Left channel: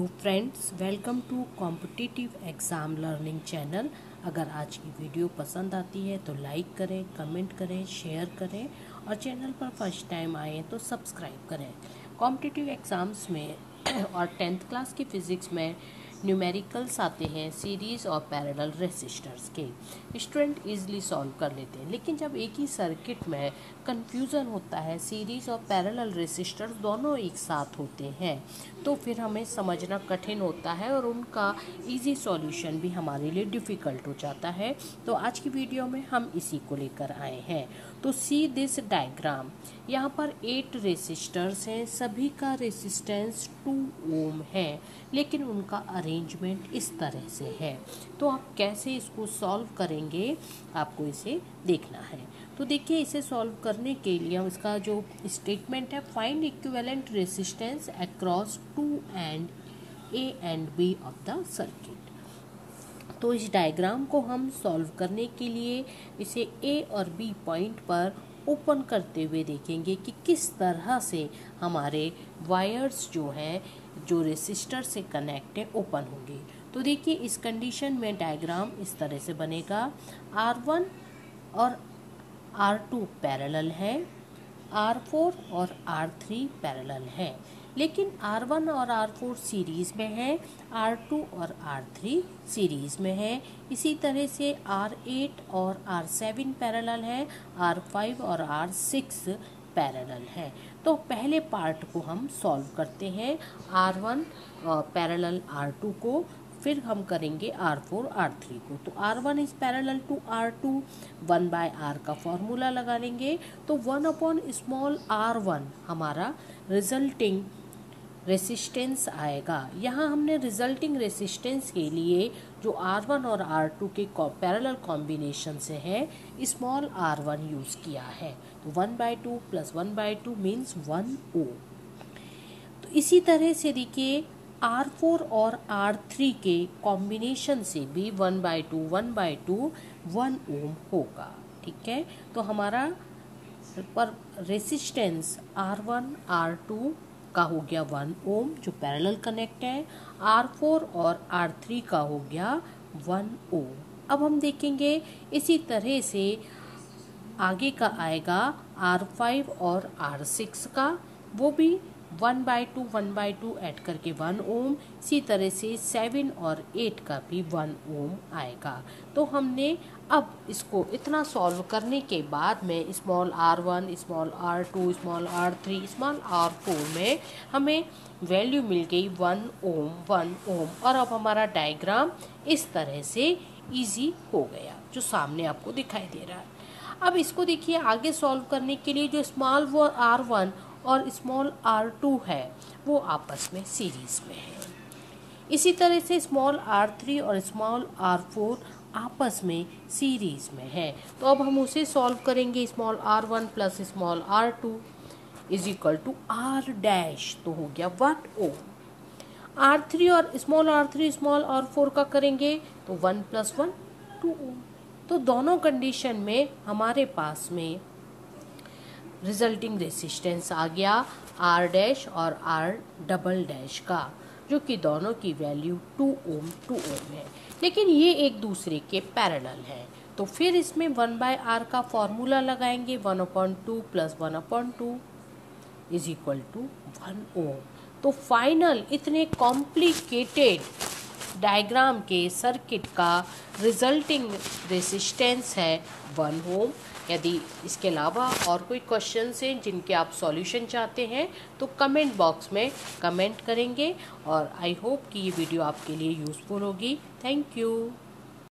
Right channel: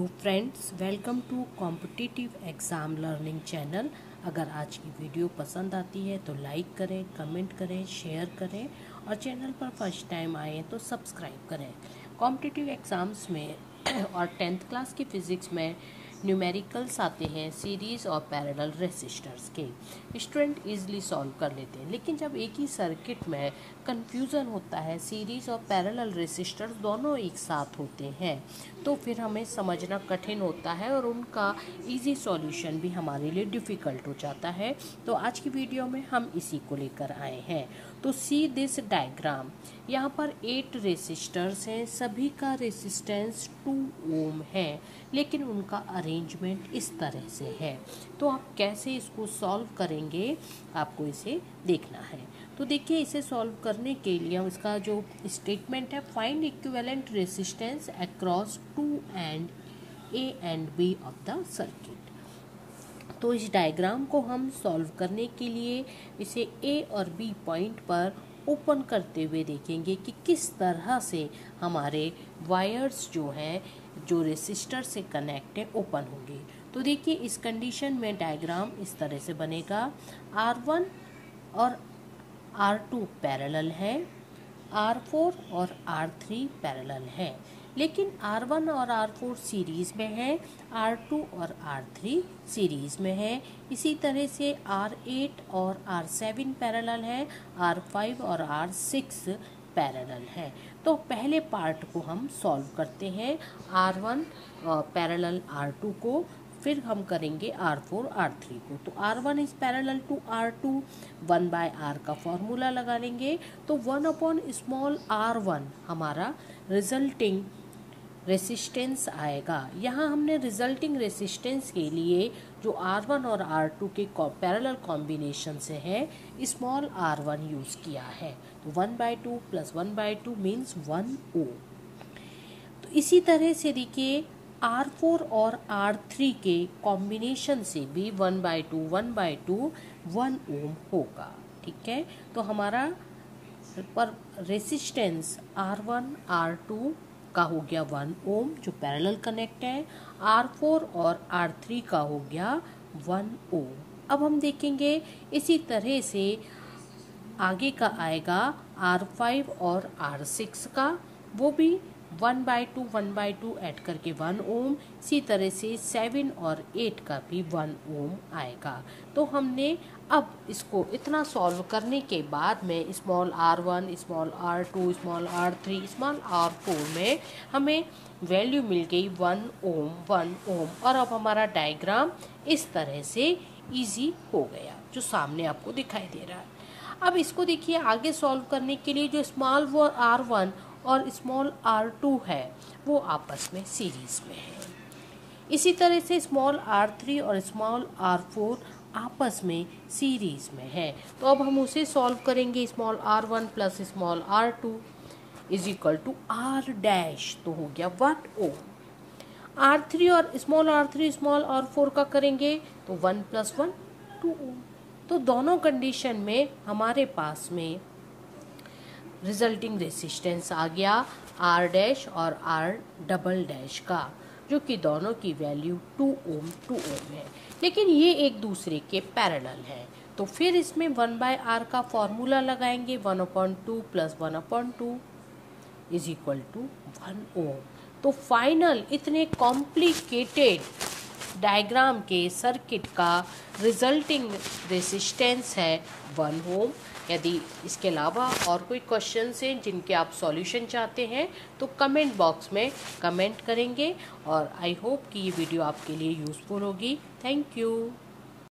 Hello friends, welcome to competitive exam learning channel. अगर आज की वीडियो पसंद आती है तो लाइक करें, कमेंट करें, शेयर करें और चैनल पर फर्स्ट टाइम आए तो सब्सक्राइब करें। कॉम्पिटिटिव एग्जाम्स में और 10th क्लास की फिजिक्स में न्यूमेरिकल्स आते हैं सीरीज और पैरेलल रेसिस्टर्स के। स्टूडेंट इजीली सॉल्व कर लेते हैं, लेकिन जब एक ही सर्किट में कंफ्यूजन होता है, सीरीज और पैरेलल रेसिस्टर्स दोनों एक साथ होते हैं, तो फिर हमें समझना कठिन होता है और उनका इजी सॉल्यूशन भी हमारे लिए डिफिकल्ट हो जाता है। तो आज की वीडियो में हम इसी को लेकर आए हैं। तो सी दिस डायग्राम, यहाँ पर 8 रेसिस्टर्स हैं, सभी का रेसिस्टेंस 2 ओम है, लेकिन उनका अरेंजमेंट इस तरह से है। तो आप कैसे इसको सॉल्व करेंगे, आपको इसे देखना है। तो देखिए, इसे सॉल्व करने के लिए हम इसका जो स्टेटमेंट है, find equivalent resistance across 2 and A and B of the circuit. तो इस डायग्राम को हम सॉल्व करने के लिए इसे ए और बी पॉइंट पर ओपन करते हुए देखेंगे कि किस तरह से हमारे वायर्स जो हैं, जो रेसिस्टर से कनेक्ट है, ओपन होंगे। तो देखिए, इस कंडीशन में डायग्राम इस तरह से बनेगा। R1 और R2 पैरेलल है, R4 और R3 पैरेलल है, लेकिन R1 और R4 सीरीज में है, R2 और R3 सीरीज में है। इसी तरह से R8 और R7 पैरेलल है, R5 और R6 पैरेलल है। तो पहले पार्ट को हम सॉल्व करते हैं, R1 पैरेलल R2 को, फिर हम करेंगे R4 R3 को। तो R1 is parallel to R2, 1/R का फॉर्मूला लगा लेंगे। तो 1/स्मॉल r1 हमारा रिजल्टिंग रेसिस्टेंस आएगा। यहाँ हमने रिजल्टिंग रेसिस्टेंस के लिए जो R1 और R2 के पैरेलल कॉम्बिनेशन से है, स्मॉल r1 यूज किया है। तो 1/2 प्लस 1/2 मीन्स 1 ओम। तो इसी तरह से देखिए, R4 और R3 के कॉम्बिनेशन से भी 1/2 1/2 1 ओम होगा। ठीक है, तो हमारा पर रेसिस्टेंस R1 R2 का हो गया 1 ओम जो पैरेलल कनेक्ट है, R4 और R3 का हो गया 1 ओम। अब हम देखेंगे इसी तरह से आगे का आएगा R5 और R6 का, वो भी 1/2 1/2 ऐड करके 1 ओम। इसी तरह से 7 और 8 का भी 1 ओम आएगा। तो हमने अब इसको इतना सॉल्व करने के बाद में small r1, small r2, small r3, small r4 में हमें वैल्यू मिल गई 1 ओम 1 ओम। और अब हमारा डायग्राम इस तरह से इजी हो गया, जो सामने आपको दिखाई दे रहा है। अब इसको देखिए, आगे सॉल्व करने के लिए जो स्मॉल r1 और स्मॉल r2 है, वो आपस में सीरीज में है। इसी तरह से स्मॉल r3 और स्मॉल r4 आपस में सीरीज में है। तो अब हम उसे सॉल्व करेंगे। Small r1 plus small r2 is equal to r dash, तो हो गया 1 ओम। r3 और स्मॉल r4 का करेंगे तो 1 प्लस 1 2 ओम। तो दोनों कंडीशन में हमारे पास में रिजल्टिंग रेसिस्टेंस आ गया R डैश और R डबल डैश का, जो कि दोनों की वैल्यू 2 ओम है, लेकिन ये एक दूसरे के पैरेलल है। तो फिर इसमें 1/R का फॉर्मूला लगाएंगे, 1/2 प्लस 1/2 इज इक्वल टू 1 ओम। तो फाइनल इतने कॉम्प्लिकेटेड डायग्राम के सर्किट का रिजल्टिंग रेसिस्टेंस है 1 ओम। यदि इसके अलावा और कोई क्वेश्चंस हैं जिनके आप सॉल्यूशन चाहते हैं, तो कमेंट बॉक्स में कमेंट करेंगे। और आई होप कि ये वीडियो आपके लिए यूजफुल होगी। Thank you.